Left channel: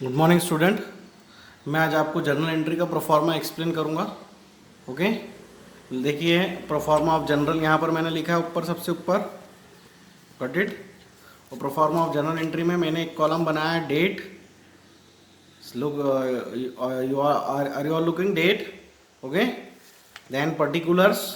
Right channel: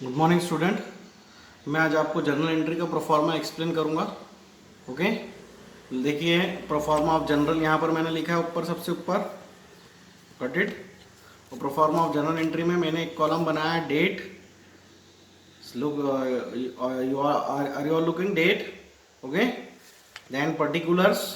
Good morning student. मैं आज आपको जर्नल एंट्री का प्रोफार्मा एक्सप्लेन करूंगा। ओके, देखिए प्रोफार्मा ऑफ जनरल यहाँ पर मैंने लिखा है ऊपर, सबसे ऊपर, गॉट इट। तो प्रोफार्मा ऑफ जर्नल एंट्री में मैंने एक कॉलम बनाया है date. Look, you are you are looking date. Okay, then particulars,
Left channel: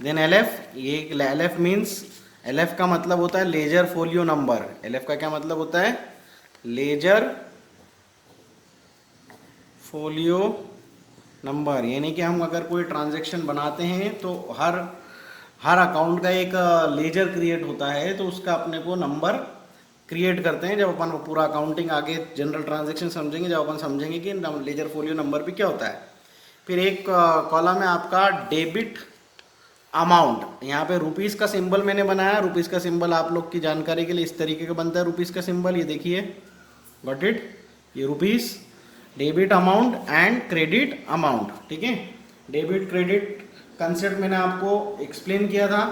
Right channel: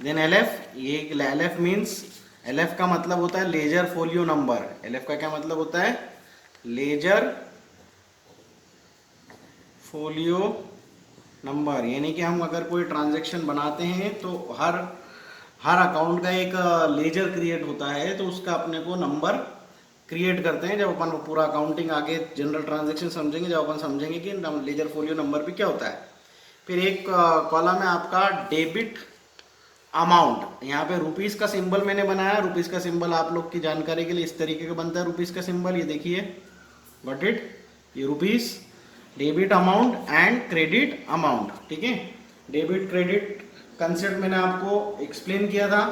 then LF. ये एलएफ मीन्स, एलएफ का मतलब होता है लेजर फोलियो नंबर। एलएफ का क्या मतलब होता है? Ledger folio number. यानी कि हम अगर कोई ट्रांजैक्शन बनाते हैं तो हर अकाउंट का एक लेजर क्रिएट होता है, तो उसका अपने को नंबर क्रिएट करते हैं। जब अपन पूरा अकाउंटिंग आगे जनरल ट्रांजैक्शन समझेंगे, जब अपन समझेंगे कि लेजर फोलियो नंबर भी क्या होता है। फिर एक कॉलम है आपका डेबिट अमाउंट। यहाँ पे रुपीस का सिंबल मैंने बनाया। रुपीस का सिंबल आप लोग की जानकारी के लिए इस तरीके का बनता है। रुपीस का सिंबल ये देखिए, गॉट इट, ये rupees, debit amount and credit amount. ठीक है, डेबिट क्रेडिट कंसेप्ट मैंने आपको एक्सप्लेन किया था।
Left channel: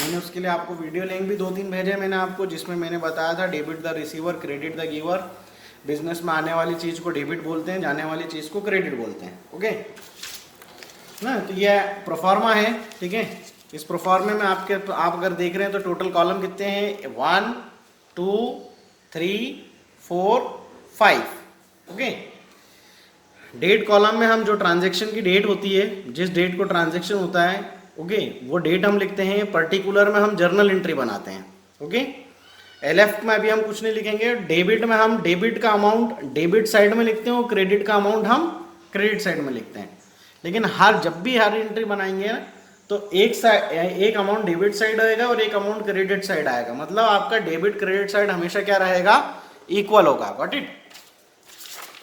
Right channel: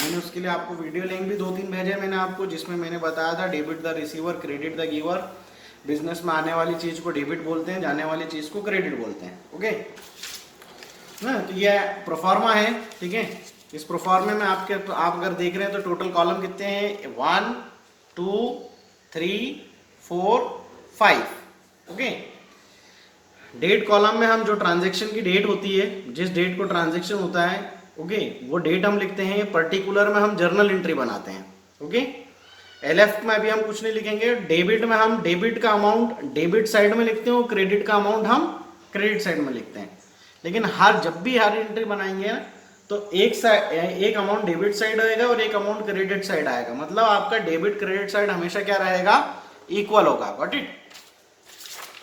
मैंने उसके लिए आपको वीडियो लिंक भी 2-3 भेजे मैंने आपको, जिसमें मैंने बताया था debit the receiver, credit the giver. Business में आने वाली चीज को डेबिट बोलते हैं, जाने वाली चीज को क्रेडिट बोलते हैं। ओके ना, तो यह प्रोफार्मा है। ठीक है, इस प्रोफार्मे में आप अगर देख रहे हैं तो टोटल कॉलम कितने हैं? 1 2 3 4 5। ओके, डेट कॉलम में हम जो ट्रांजैक्शन की डेट होती है, जिस डेट को ट्रांजैक्शन होता है, ओके, वो डेट हम लिखते हैं। पर्टिकुलर में हम जर्नल एंट्री बनाते हैं। ओके, एलएफ में अभी हम कुछ नहीं लिखेंगे। डेबिट में हम डेबिट का अमाउंट डेबिट साइड में लिखते हैं और क्रेडिट का अमाउंट हम क्रेडिट साइड में लिखते हैं। लेकिन जब भी हर एंट्री बनाएंगे तो एक अमाउंट डेबिट साइड आएगा और एक अमाउंट क्रेडिट साइड आएगा। मतलब आपका डेबिट क्रेडिट साइड हमेशा क्या रहेगा? इक्वल होगा। Got it.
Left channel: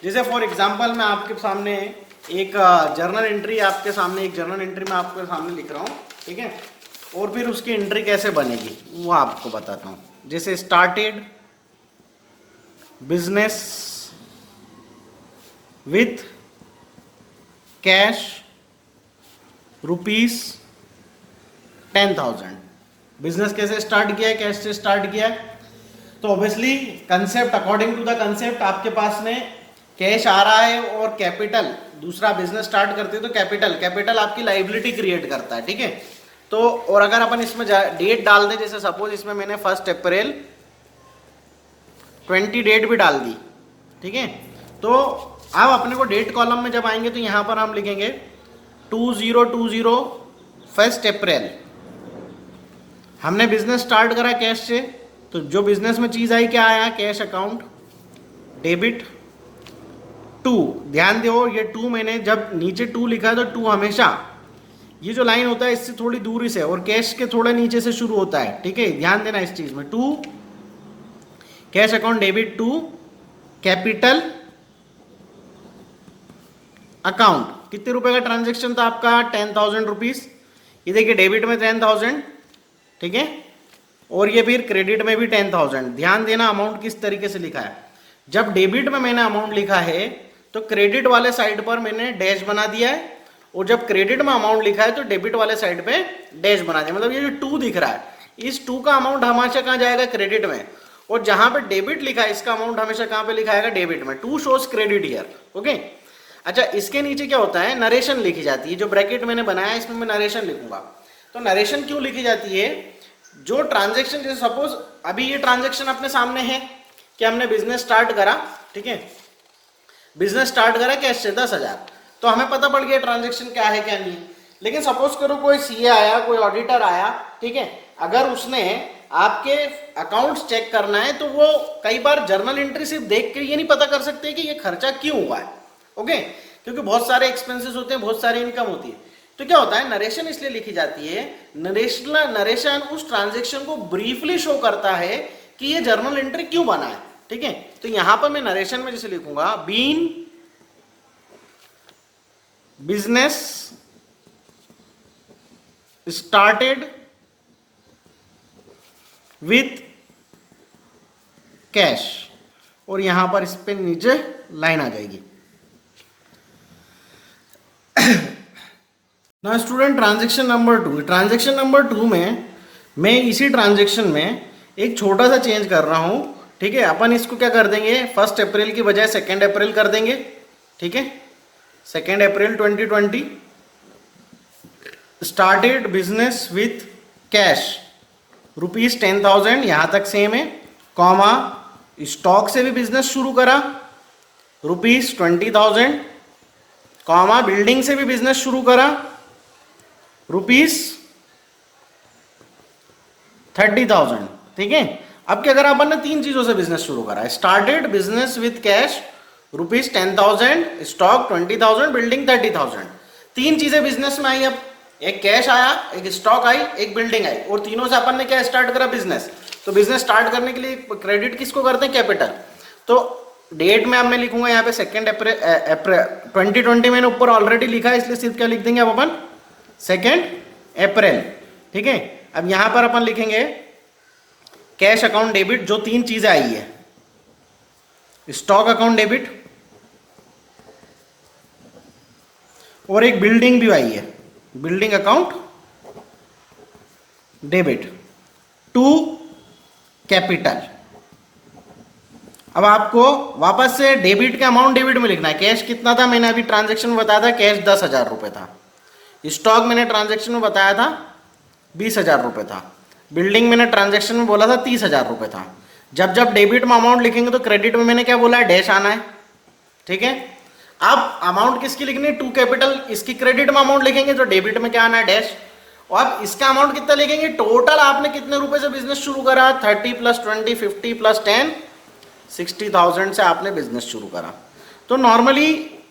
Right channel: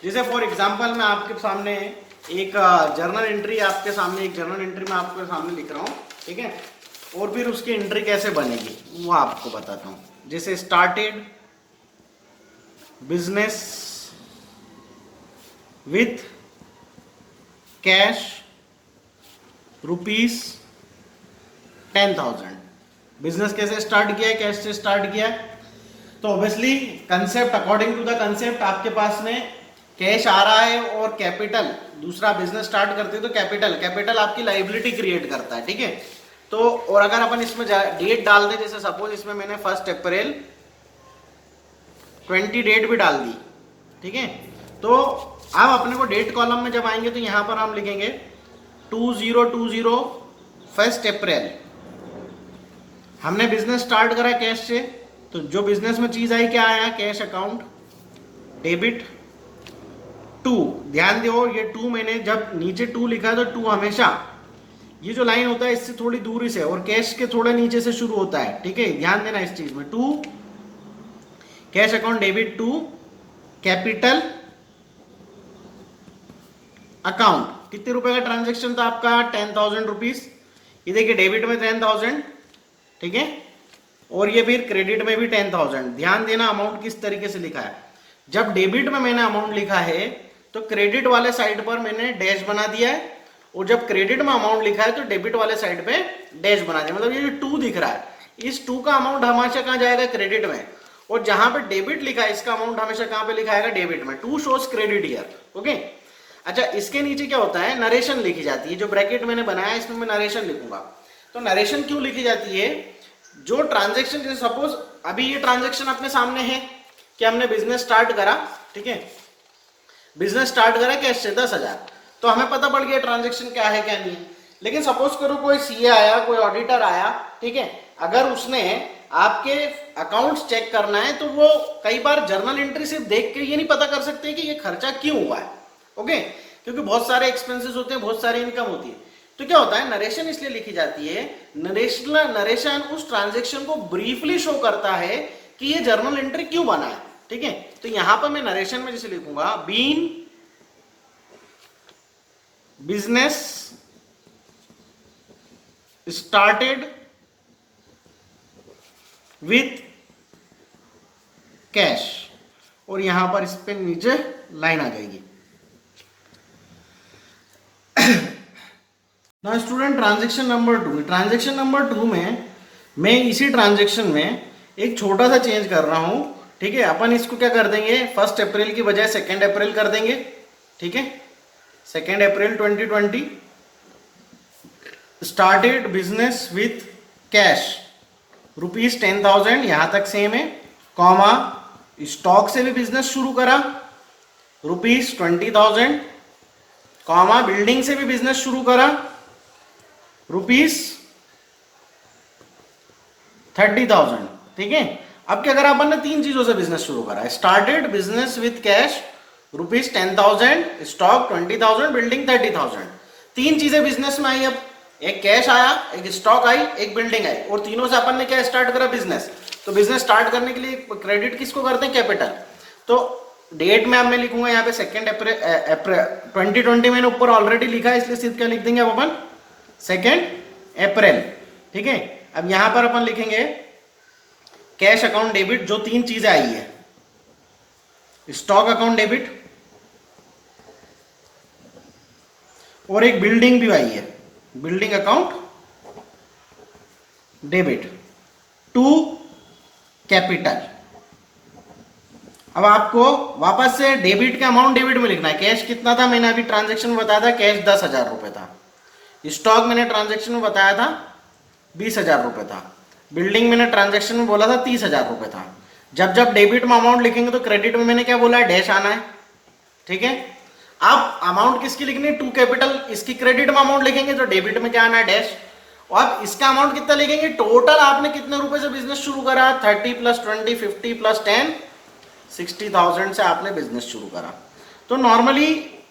जैसे फॉर एग्जांपल मैं आपके सामने एक जर्नल एंट्री मैं आपके सामने लिख रहा हूँ। ठीक है, और फिर उसकी एंट्री कैसे बनेगी वो आपको बताता हूँ। जैसे started business with cash rupees 10,000। Business कैसे स्टार्ट किया है? कैश से स्टार्ट किया है। तो obviously concept, according to the concept, आपके पास में कैश आ रहा है और कैपिटल, दूसरा बिजनेस स्टार्ट करते हैं तो कैपिटल आपकी लाइबिलिटी क्रिएट करता है। ठीक है, तो और अगर अपन इसमें डेट डाल दें, जैसे सपोज इसमें मैंने 1 अप्रैल 20 डेट भी डाल दी। ठीक है, तो अब अपने को डेट कॉलम में जब आएंगे तो यहां पर हम लिखेंगे 2020 1 अप्रैल। हमने बिजनेस स्टार्ट करा कैश से, तो जो बिजनेस में चीज आई क्या आया? Cash account, debit 2। ध्यान दो, ये 2 मैंने जब नीचे 2 लिखा है तो 2 हमेशा ये जो लाइन होता है इससे थोड़ी दूरी से और कैश के थोड़े नीचे से शुरू होता है। ठीक है, ध्यान देना इस चीज में। 2 cash account, debit 2 capital account. कितने रुपए का ट्रांजेक्शन था आपका? 10,000 रुपीज। ये देखिए डेबिट में 10,000। ठीक है, और ये फिर क्रेडिट में भी 10,000। ध्यान देना अमाउंट किस तरीके से लिखा है। जब डेबिट में मैंने अमाउंट लिखा है तो क्रेडिट वाले साइड पर मैंने डैश बना दिया है, और जब क्रेडिट में अमाउंट लिखा है तो डेबिट वाले साइड पे डैश बना दिया। मतलब ये जो 2 दिख रहा है, इस 2 का अमाउंट हमेशा कहां जाएगा? क्रेडिट में। और जहां पे डेबिट लिखा है इसका अमाउंट हमेशा कहां पे लिखा आएगा? डेबिट में। 2 शोज क्रेडिट हियर। ओके, अच्छा, इसके नीचे क्या होता है? नरेशन लिखी जाती है। जो ब्रैकेट मैंने बनाया इसमें मैं नरेशन लिखूंगा। तो नरेशन क्यों लिखी जाती है? जो ट्रांजेक्शन, जैसे सपोज अभी ये ट्रांजेक्शन अपने सामने है कि हमने बिजनेस स्टार्ट करा। ठीक है, बिजनेस स्टार्ट करा कैश से 10,000, तो हमें पता पड़ गया ट्रांजेक्शन क्या है क्या नहीं। लेकिन सपोज करो कोई सीए आया, कोई ऑडिटर आया, ठीक है, अगर उसने आपके अकाउंट्स चेक करना है तो वो कई बार जर्नल एंट्री सिर्फ देख के ये नहीं पता कर सकते कि ये खर्चा क्यों हुआ है। ओके, क्योंकि बहुत सारे एक्सपेंसेस होते हैं, बहुत सारी इनकम होती है। तो क्या होता है? नरेशन इसलिए लिखी जाती है। नरेशन उस ट्रांजेक्शन को ब्रीफली शो करता है कि ये जर्नल एंट्री क्यों बना है। ठीक है, तो यहां पर मैं नरेशन में जैसे लिखूंगा, been business started with cash, और यहां पर इस पे नीचे लाइन आ जाएगी। ना स्टूडेंट, ट्रांजेक्शन नंबर 2 में मैं इसी ट्रांजेक्शन में एक छोटा सा चेंज कर रहा हूं। ठीक है, अपन इसको क्या कर देंगे, 1 अप्रैल की बजाय 2 अप्रैल कर देंगे। ठीक है, 2 अप्रैल 2020 स्टार्टेड बिजनेस विथ कैश ₹10,000, यहां तक सेम है, कॉमा स्टॉक से भी बिजनेस शुरू करा ₹20,000, कॉमा बिल्डिंग से भी बिजनेस शुरू करा ₹30,000। ठीक है, अब क्या करा अपन ने, 3 चीजों से बिजनेस शुरू करा, started business with cash ₹10,000, stock 20,000, building 30,000। 3 चीजें बिजनेस में आई, अब एक कैश आया, एक स्टॉक आई, एक बिल्डिंग आई, और तीनों से अपन ने क्या स्टार्ट करा, बिजनेस। तो बिजनेस स्टार्ट करने के लिए क्रेडिट किसको करते हैं, कैपिटल। तो डेट में अब मैं लिखूंगा यहाँ पे 2 अप्रैल 2020, मैंने ऊपर ऑलरेडी लिखा है, इसलिए सिर्फ क्या लिख देंगे अब अपन, 2 अप्रैल। ठीक है, अब यहां पर अपन लिखेंगे कैश अकाउंट डेबिट, जो 3 चीजें आई है, स्टॉक अकाउंट डेबिट और एक बिल्डिंग भी आई है, building account debit to capital. अब आपको वापस से डेबिट का अमाउंट डेबिट में लिखना है। कैश कितना था, मैंने अभी ट्रांजैक्शन में बताया था, कैश 10,000 रुपए था। स्टॉक मैंने ट्रांजैक्शन में बताया था 20,000 रुपए था। बिल्डिंग मैंने ट्रांजैक्शन में बोला था 30,000 रुपए था। जब जब डेबिट में अमाउंट लिखेंगे तो क्रेडिट में मैंने क्या बोला है, डैश आना है। ठीक है, अब अमाउंट किसकी लिखनी है, टू कैपिटल, इसकी क्रेडिट में अमाउंट लिखेंगे तो डेबिट में क्या आना है, डैश। और अब इसका अमाउंट कितना लिखेंगे, टोटल आपने कितने रुपए से बिजनेस शुरू करा, 30 + 20 50 + 10 60,000 से आपने बिजनेस शुरू करा। तो नॉर्मली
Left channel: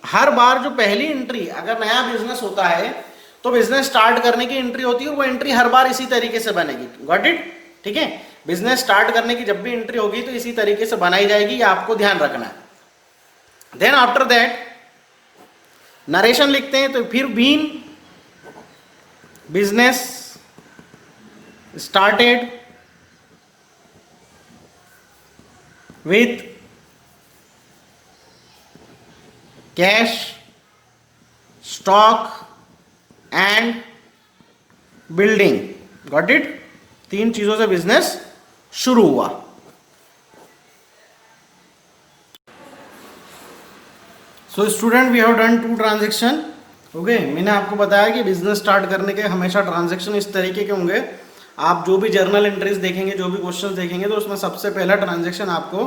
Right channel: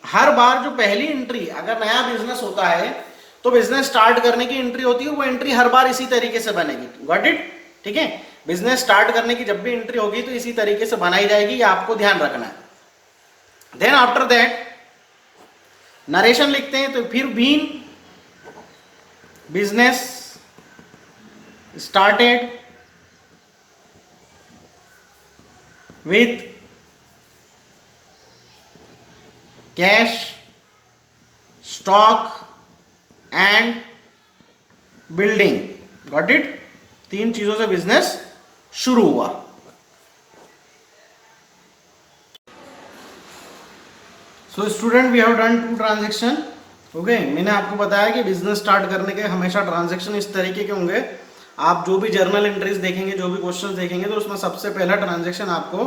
हर बार जो पहली एंट्री, अगर नया बिजनेस होता है तो बिजनेस स्टार्ट करने की एंट्री होती है, वो एंट्री हर बार इसी तरीके से बनेगी। Got it. ठीक है, बिजनेस स्टार्ट करने की जब भी एंट्री होगी तो इसी तरीके से बनाई जाएगी, ये आपको ध्यान रखना है। देन आफ्टर दैट नरेशन लिखते हैं, तो फिर been business started with cash, stock and building. Got it? 3 चीजों से बिजनेस शुरू हुआ। So student, we have done 2 transaction. Okay, मैंने आपको बताया कि बिजनेस स्टार्ट करने के हमेशा ट्रांजेक्शन इस तरीके के होंगे। आप जो भी जर्नल एंट्रीज देखेंगे, जो भी क्वेश्चन देखेंगे, तो उसमें सबसे पहला ट्रांजैक्शन आपको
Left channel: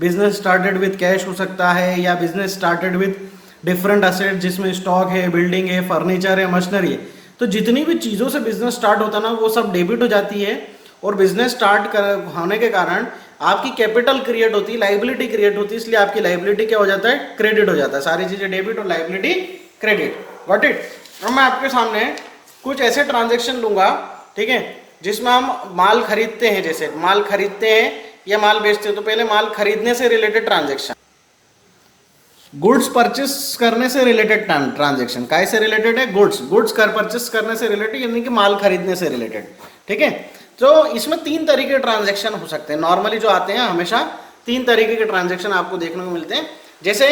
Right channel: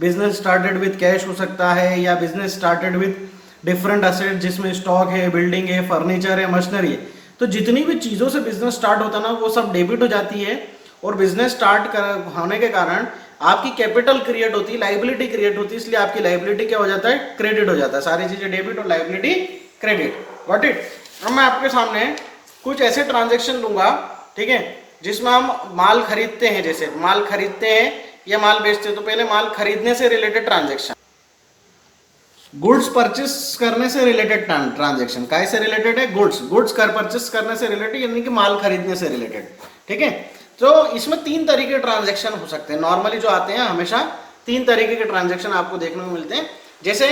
बिजनेस स्टार्टेड विद कैश हो सकता है, या business started with different asset, जिसमें स्टॉक है, बिल्डिंग है, फर्नीचर है, मशीनरी है। तो जितनी भी चीज़ों से बिजनेस स्टार्ट होता है ना, वो सब डेबिट हो जाती है। और बिजनेस स्टार्ट होने के कारण आपकी कैपिटल क्रिएट होती है, लाइबिलिटी क्रिएट होती है, इसलिए आपकी लाइबिलिटी क्या हो जाता है, क्रेडिट हो जाता है। सारी चीज़ें डेबिट और लाइबिलिटी क्रेडिट। Got it. अब मैं आपके सामने कुछ ऐसे ट्रांजेक्शन लूंगा, ठीक है, जिसमें हम माल खरीदते हैं, जैसे माल खरीदते हैं या माल बेचते हैं। तो पहले माल खरीदने से रिलेटेड ट्रांजैक्शन, गुड्स परचेस करने से रिलेटेड ट्रांजैक्शन, काय से रिलेटेड है, गुड्स कर परचेस करने से रिलेटेड, यानी कि माल खरीदने से रिलेटेड। ठीक है, तो इसमें 3 तरीके के ट्रांजैक्शन हो सकते हैं। नॉर्मली जो आते हैं हमेशा 3 तरीके के ट्रांजैक्शन आपको देखने को मिलते हैं। जैसे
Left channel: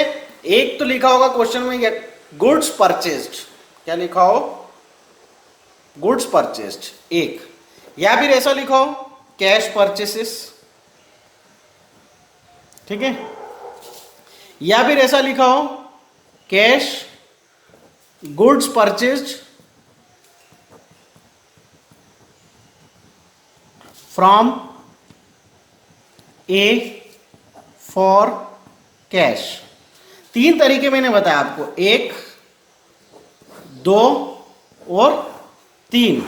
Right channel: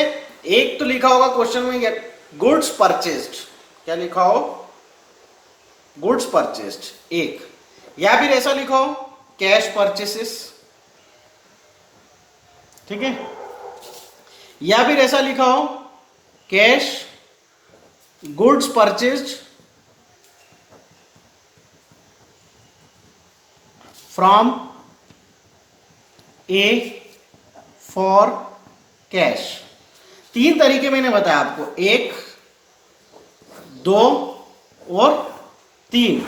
एक तो लिखा होगा क्वेश्चन में, गुड्स परचेस्ड, क्या लिखा हो, गुड्स परचेस्ड एक, या फिर ऐसा लिखा हो कैश परचेसेस। ठीक है, या फिर ऐसा लिखा हो cash goods purchased from A for cash. 3 तरीके मैंने बताया आपको, 1, 2 और 3।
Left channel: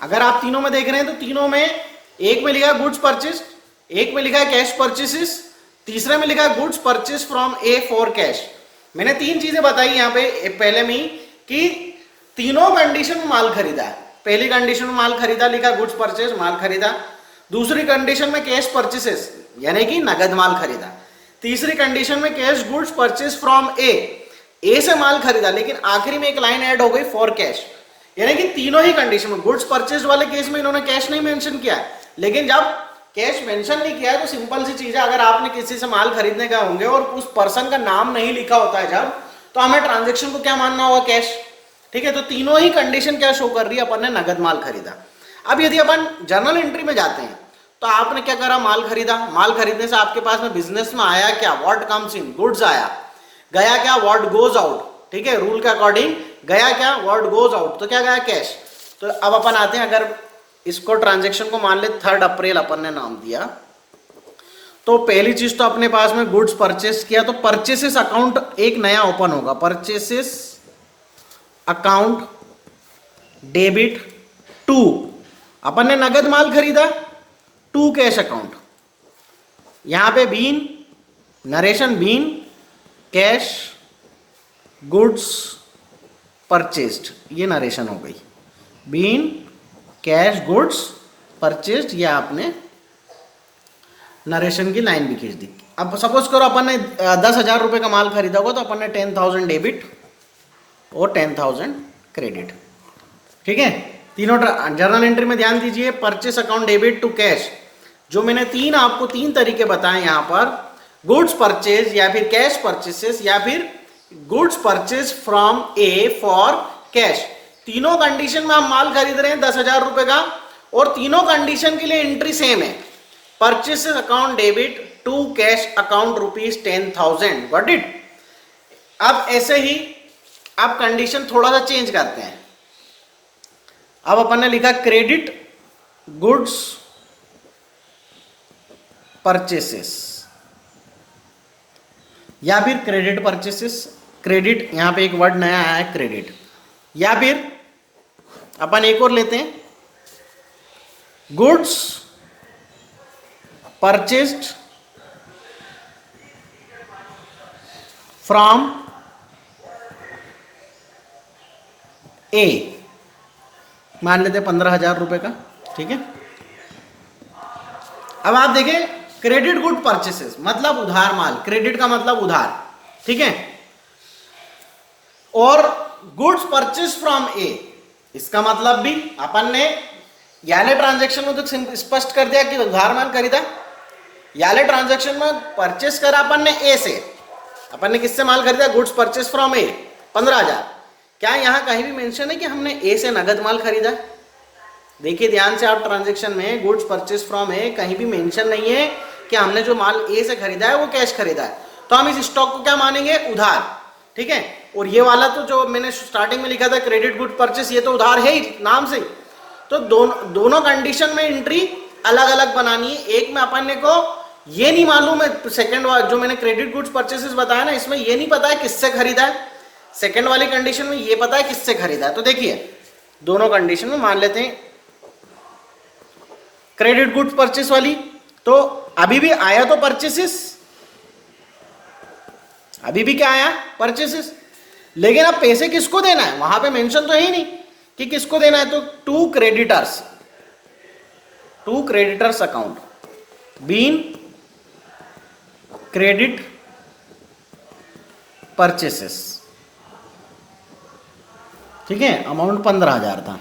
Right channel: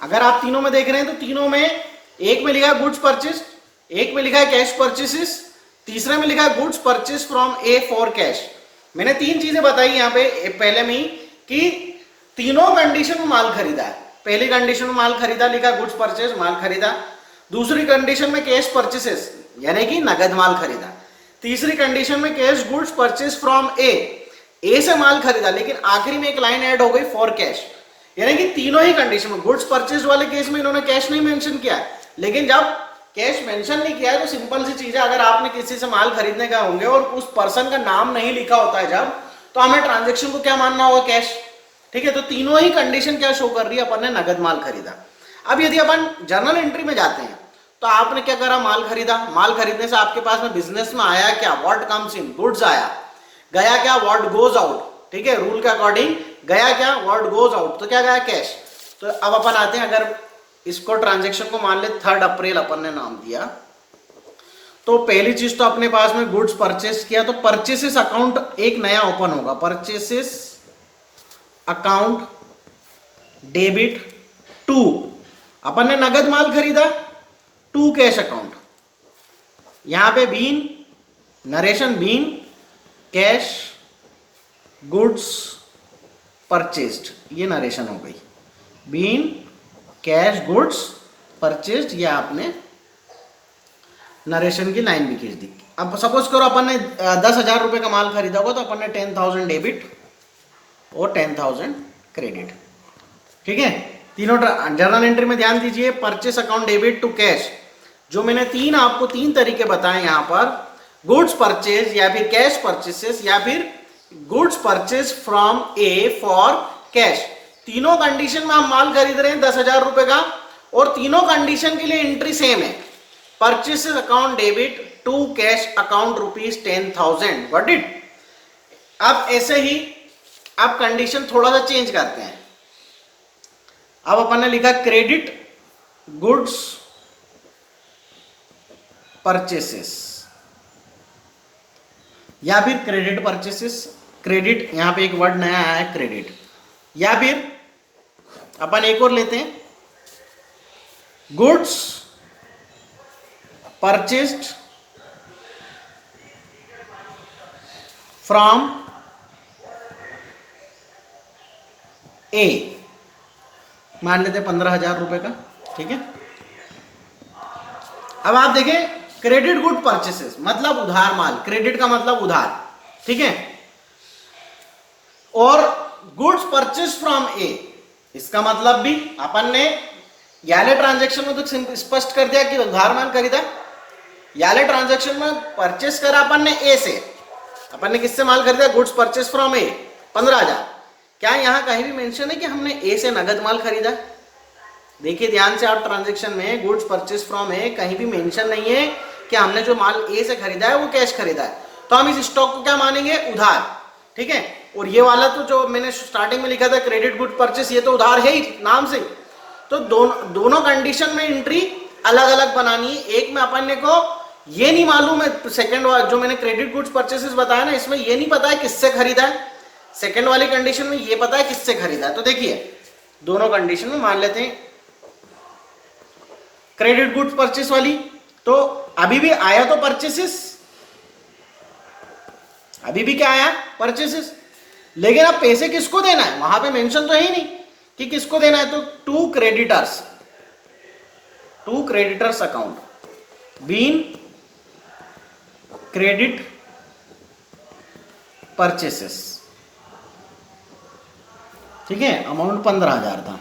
अगर आप तीनों में देख रहे हैं तो तीनों में, एक में लिखा है गुड्स परचेस, एक में लिखा है कैश परचेसेस, तीसरे में लिखा है goods purchase from A for cash. मैंने 3 चीजें बताई यहाँ पे पहले में ही, कि तीनों कंडीशन में माल खरीदा है। पहली कंडीशन में माल खरीदा, लिखा गुड्स परचेस, माल खरीदा। दूसरी कंडीशन में कैश परचेसेस, यानी कि नगद माल खरीदा। तीसरी कंडीशन में कैश गुड्स परचेस फ्रॉम ए से माल खरीदा, लेकिन आखिरी में एक लाइन ऐड हो गई फॉर कैश, यानी कि तीनों ही कंडीशन में। गुड्स परचेज वाले केस में इन्होंने कैश नहीं मेंशन किया, लेकिन जब कैश मेंशन नहीं किया है तो सिंपल सी चीज है, अगर आपने किसी से माल खरीदने का होंगे और उस पर्सन का नाम नहीं लिखा होता है जब, तो हमें ट्रांजैक्शन को क्या मानना होगा, कैश। ठीक है, तो तीनों ही कंडीशन क्या शो कर रही है, अपन ने नगद माल खरीदा। अब यदि अपन जर्नल एंट्री में जाते हैं तो आपने क्या करा, माल खरीदा, माल खरीदने से आपके पास में बिजनेस में आया क्या, व्हाट कम्स इन, गुड्स आया, गया क्या, व्हाट गोज आउट, ठीक है, रूल के अकॉर्डिंग गया क्या, व्हाट गोज आउट, तो क्या गया, कैश। तो अब अपन आते हैं, अगर इसको ट्रांजेक्शन को मान ले 3 अप्रैल अपन ने नाम दिया, तो पहली चीज तो अपने पास में गुड्स परचेस किया, तो परचेसेस अकाउंट एक नया ओपन होगा, परचेसेस अकाउंट डेबिट टू, अपन ने नगद माल खरीदा, टू कैश अकाउंट, यहां पे been narration been cash goods purchased, ये नरेशन हो गई, बीन कैश गुड्स परचेस्ड, ये आपने नरेशन की लाइन भी खींच दी। अब सपोज करो अपन ने 10,000 रुपए का माल खरीदा होगा, तो अपन ने 10,000 डेबिट और 10,000 क्रेडिट, ठीक है। तीनों जर्नल एंट्री में ध्यान दीजिए, purchase account debit to cash, जो मैंने आपको तीन तरीके बताए यहां पर, गुड्स परचेज या फिर कैश परचेसेस या फिर goods purchase from A for cash. तीनों कंडीशन में हम माल खरीद रहे हैं 10,000 रुपए का, और तीनों कंडीशन के लिए एंट्री सेम है, purchases account debit to cash account ₹10,000, got it. अब ऐसे ही अब कंडीशन थोड़ा सा चेंज करते हैं, अब अपन ने लिखा क्रेडिट गुड्स परचेसेस या फिर क्रेडिट परचेसेस, क्रेडिट, यहां पे एक वर्ड नया आया है क्रेडिट, या फिर अपन एक और लेते हैं, गुड्स परचेस्ड फ्रॉम ए, मान लेते 15,000 रुपए का, ठीक है। अब आप देखें, क्रेडिट गुड परचेसेस मतलब उधार माल, क्रेडिट का मतलब उधार, ठीक है, और गुड्स परचेस फ्रॉम ए, इसका मतलब भी अपन ने याले ट्रांजैक्शन में तो स्पष्ट कर दिया कि उधार माल खरीदा, याले ट्रांजैक्शन में परचेस करा अपन ने ए से, अपन ने किससे माल खरीदा, गुड्स परचेस फ्रॉम ए 15,000। क्या यहां कहीं भी मेंशन है कि हमने ए से नगद माल खरीदा? देखिए ध्यान से आप, ट्रांजैक्शन में गुड्स परचेस फ्रॉम ए कहीं भी मेंशन नहीं है कि हमने जो माल ए से खरीदा है वो कैश खरीदा है, तो हम इस स्टॉक को क्या मानेंगे, उधार, ठीक है। और ये वाला तो जो मैंने स्टार्टिंग में लिखा था क्रेडिट गुड परचेस, ये तो उधार है ही नाम से। तो दोनों कंडीशन में एंट्री अलग अलग बनानी है। एक में अपन ने को ये नहीं मालूम है, सेकंड जो मैंने क्रेडिट गुड्स परचेसेस बताया ना, इसमें ये नहीं पता है किससे खरीदा है, सेकंड वाली कंडीशन में ये पता है किससे खरीदा है। तो देखिए दोनों कंडीशन में मान लेते हैं क्रेडिट गुड्स परचेस वाली, तो अभी भी आया तो परचेसेस, अभी भी क्या आया, परचेसेस, लेकिन अब पैसे किसको देना है वहां पे मेंशन तो है ही नहीं कि किसको देना है। तो to creditors account been credit purchases, ठीक है, अमाउंट 15,000 था।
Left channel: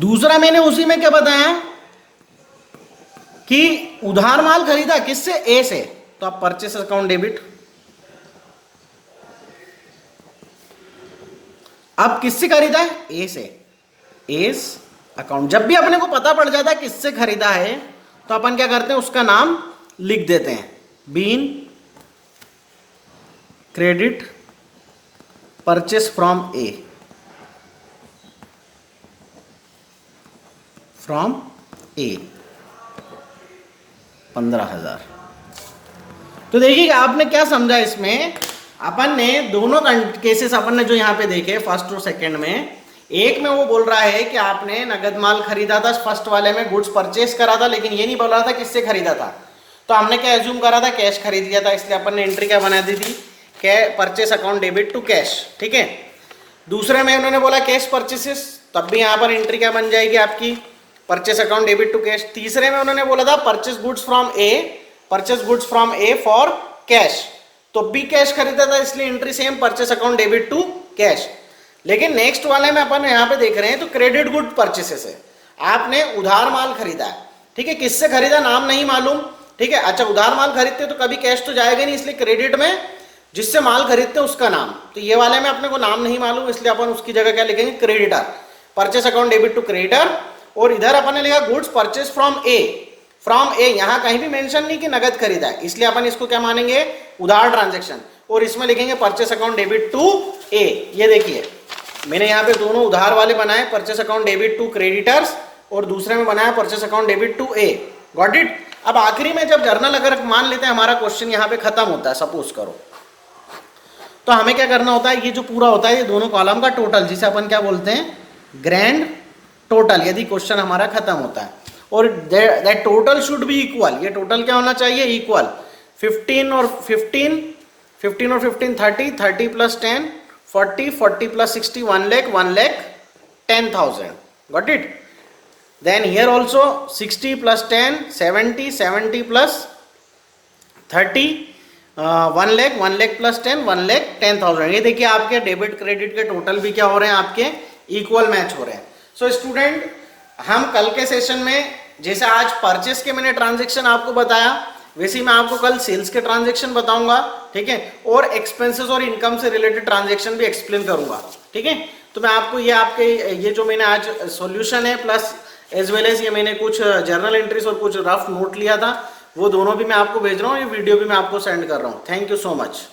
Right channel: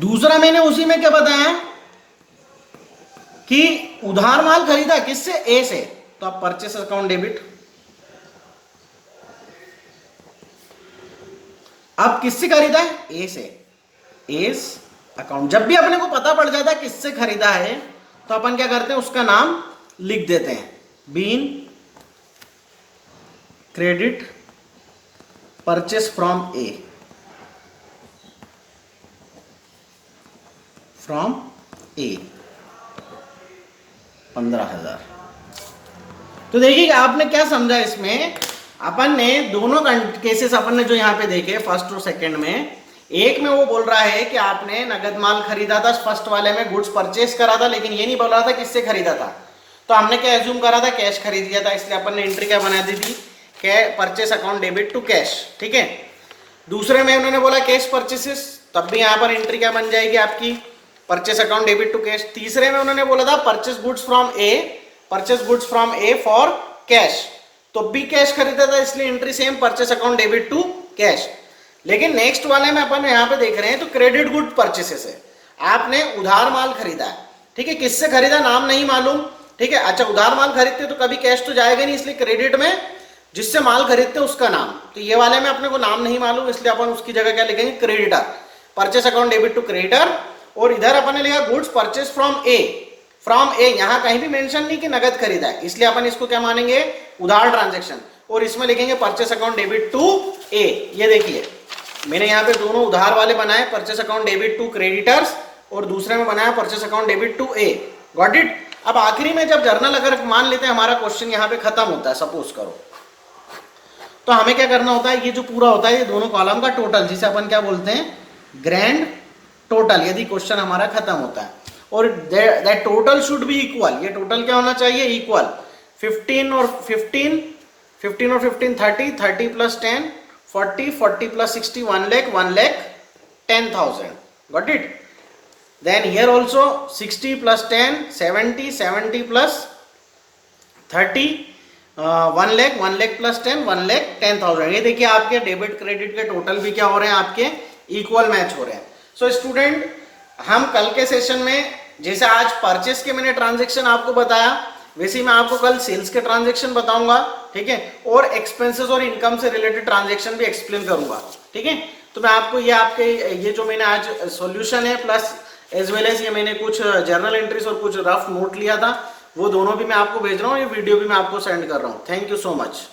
दूसरा मैंने उसी में क्या बताया कि उधार माल खरीदा किससे, ए से, तो आप परचेस अकाउंट डेबिट, अब किससे खरीदा है, ए से, एस अकाउंट। जब भी अपने को पता पड़ जाता है किससे खरीदा है तो अपन क्या करते हैं, उसका नाम लिख देते हैं, being credit purchase from A, from A 15,000। तो देखिएगा आपने क्या समझा इसमें, अपन ने दोनों केसेस अपन ने जो यहाँ पे देखे फर्स्ट और सेकंड में, एक में वो बोल रहा है कि आपने नगद माल खरीदा था, फर्स्ट वाले में गुड्स परचेस करा था, लेकिन ये नहीं बोल रहा था किससे खरीदा था, तो हमने क्या एज्यूम करा था, कैश खरीद लिया था, इसलिए अपन ने एंट्री क्या बना दी थी, purchase account debit to cash, ठीक है। दूसरे में उन्होंने बोला कैश परचेसेस, तब भी यहाँ पर एंट्री क्या बन जाएगी आपकी, purchase account debit to cash. तीसरे में उन्होंने बोला था purchase goods from A for cash, तो भी कैश खरीदा था, इसलिए entry same, purchase account debit to cash. लेकिन नेक्स्ट वाले में अपन यहाँ पे देख रहे हैं तो क्रेडिट गुड परचेसेस है, आपने उधार माल खरीदा, ठीक है, किससे खरीदा नाम नहीं मालूम, ठीक है। अच्छा उधार माल खरीदते तो कभी कैश तो जाएगा नहीं, इसलिए क्रेडिट में जिससे माल खरीदते उसका नाम, तो ये वाले में अपने को नाम नहीं मालूम, इसलिए अपन उसकी जगह क्या लिखेंगे, creditor, purchase account debit to creditor. और इधर अपन ने लिखा goods purchase from A, from A, यहां कहीं भी मेंशन नहीं कि नगद खरीदा है, इसलिए अपन इसको क्या मानेंगे, उधार ट्रांजैक्शन। और इसमें लिखेंगे purchase account debit to A. ये देखिए मैंने यहाँ पे दोनों उधार वाले बनाए, purchase account debit to creditors और दूसरे में बनाया purchase account debit to A. Got it. अब आखिरी में जब जर्नल अगर मान लेते हैं हमारा क्वेश्चन यहाँ पे खत्म होता है सपोज करो, तो हमें क्या करना होता है, ये जो पूरा होता है ये दोनों कॉलम का टोटल, जिसे अपन क्या बोलते हैं, ग्रैंड टोटल, यदि क्वेश्चन हमारा खत्म होता है। और that total should be equal, ये टोटल क्या होना चाहिए, इक्वल 15 और 15, 15 और 15 30, 30 plus 10 40, 40 plus 60 1 lakh, 1 lakh 10,000। Got it. Then here also 60 plus 10 70, 70 plus 30 1 lakh, 1 lakh plus 10 1 lakh 10,000। ये देखिए आपके डेबिट क्रेडिट के टोटल भी क्या हो रहे हैं, आपके इक्वल मैच हो रहे हैं। सो स्टूडेंट हम कल के सेशन में जैसे आज परचेस के मैंने ट्रांजैक्शन आपको बताया, वैसे ही मैं आपको कल सेल्स के ट्रांजैक्शन बताऊंगा, ठीक है, और एक्सपेंसेस और इनकम से रिलेटेड ट्रांजैक्शन भी एक्सप्लेन करूंगा, ठीक है। तो मैं आपको ये आपके ये जो मैंने आज सॉल्यूशन है प्लस एज वेल एज ये मैंने कुछ जर्नल एंट्रीज और कुछ रफ नोट लिया था, वो दोनों भी मैं आपको भेज रहा हूँ, ये वीडियो भी मैं आपको सेंड कर रहा हूँ। Thank you so much.